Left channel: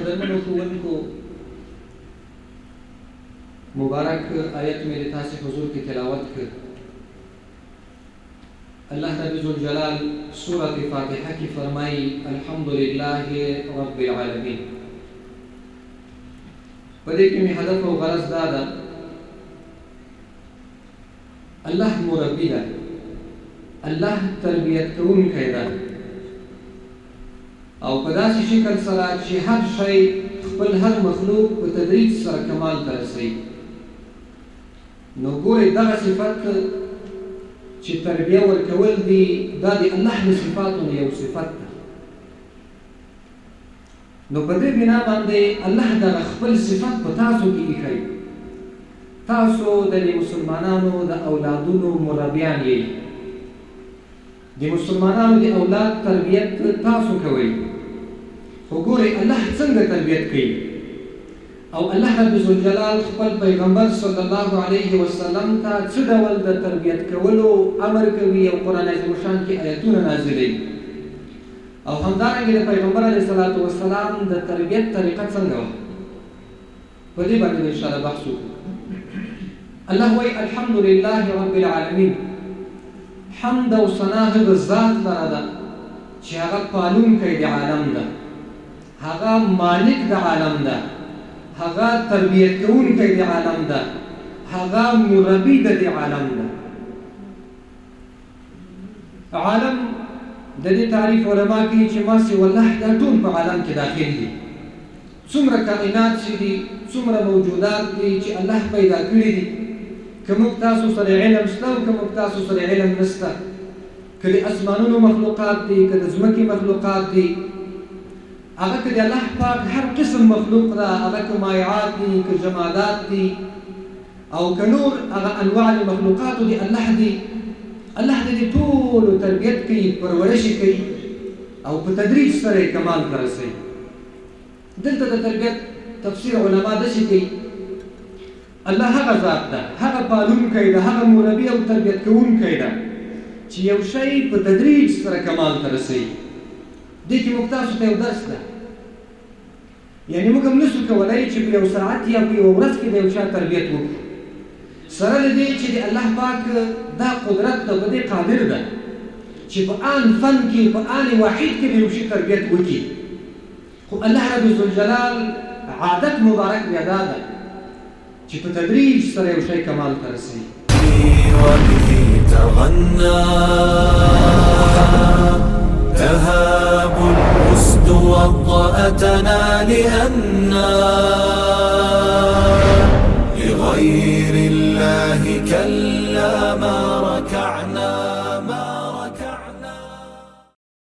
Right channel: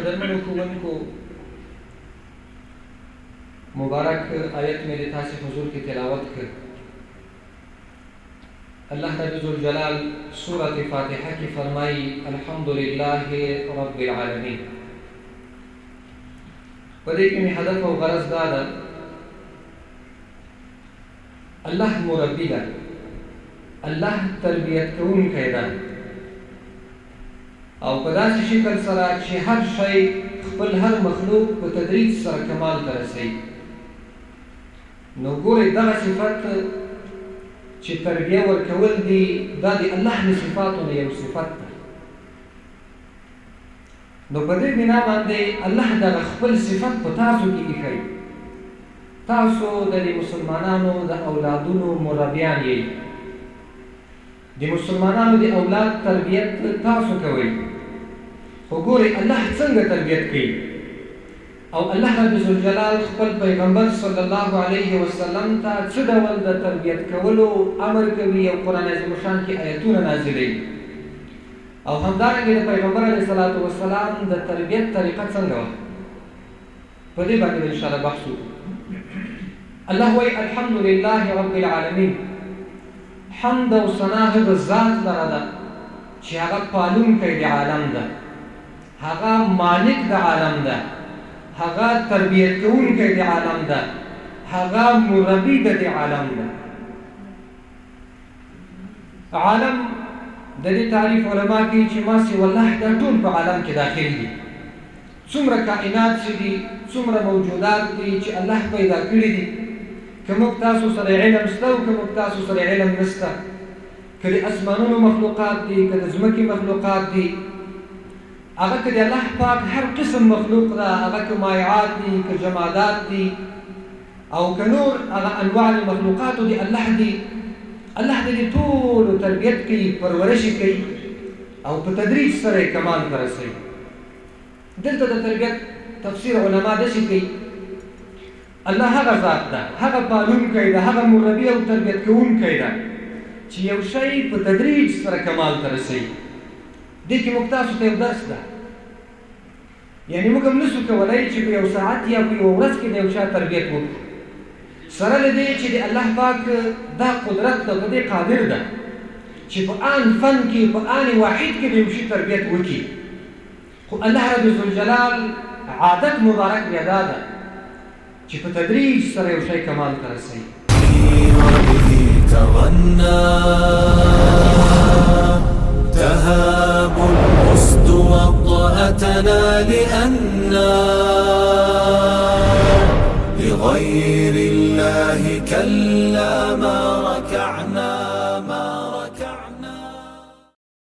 قدرمنو ښوونکو مبارک آیت مې د تاسې حضور کې تلاوت کړ. الله رب ذوالجلال سورة فاتحه کې فرمایي الحمدلله رب العالمین. په دې کې مې هدف او غرض دا ده الله مربي ده، الله تربیت کوونکی ده، او په داسې شکل سره چې هر شی خپل هر مخلوق په تدریج سره کمال ته رسوي. نو ګورئ دغه صفت چې تربیه ورکول دي دا د الله د صفاتو نه یو صفت ده. نو په دې بنا باندې الله دغه خپل صفت په تاسو کې ایښی. تاسو د مسلمانانو د اولادونو مربیان یئ. د مسلمانانو د اولاد تربیت تاسو کوئ. خو ګورئ الله څنګه تربیت کوي. او الله رب ذوالجلال خپل پیغمبر صلی الله علیه وسلم ته څه ډول د تربیت کولو امر کوي او قرآن عظیم الشان کې آیتونه نازلوي. او همدارنګه د پیغمبر علیه الصلاة والسلام د تربیت طریقه څنګه وه، په دې باندې انشاءالله بحث وکړو. الله وایي الحمدلله رب العالمین. حمد او ثنا هغه ذات لره ده چې هغه پالونکی د عالم ده، هغه مالک د عالم ده، هغه تربیت کوونکی د عالم ده، هغه مربي د عالم ده. عالم د دې تعریف علما کوي چې ما سوى الله دا ټول په عالم کې داخل دي. څومره کائنات چې دي، څومره موجودات دي چې الله پیدا کړي دي، که موږ تاسو سره علم شته او که موږ تاسو سره علم نشته، که د اسمانونو مخلوقات دي، که د ځمکې مخلوقات دي، هغه که د الله پاک هر قسم مخلوق ده، هغه که مایعات دي، که جمادات دي، او که نور هغه انواع د مخلوقاتو دي، الله دي الله د دې ټولو تربیت کوي، پرورش کوي او په تدریج سره کمال ته رسوي. دلته د تربیت تفسیر علما داسې کوي الله هغه ذات ده، هغه پالونکی ده، هغه مربي او تربیت کوونکی ده چې یو شی په تدریج سره کمال ته رسوي. دې کې موږ تاسو ته یو درس ده، یعنې موږ هم نشو کولی چې په یو ساعت یا په یوه ورځ کې د یو چا تربیت وکړو، سره له دې چې د الله پاک دا قدرت ده، په دې قادر ده چې په آن فن کې، په آن واحد کې د یو شي تربیت وکړي. خو الله رب ذوالجلال عادت مبارک بیا دا ده چې په تدریج سره یو شی کمال ته رسوي. تهاب الأسد وطأتنا لأننا لغير الله كلا ما ركعنا.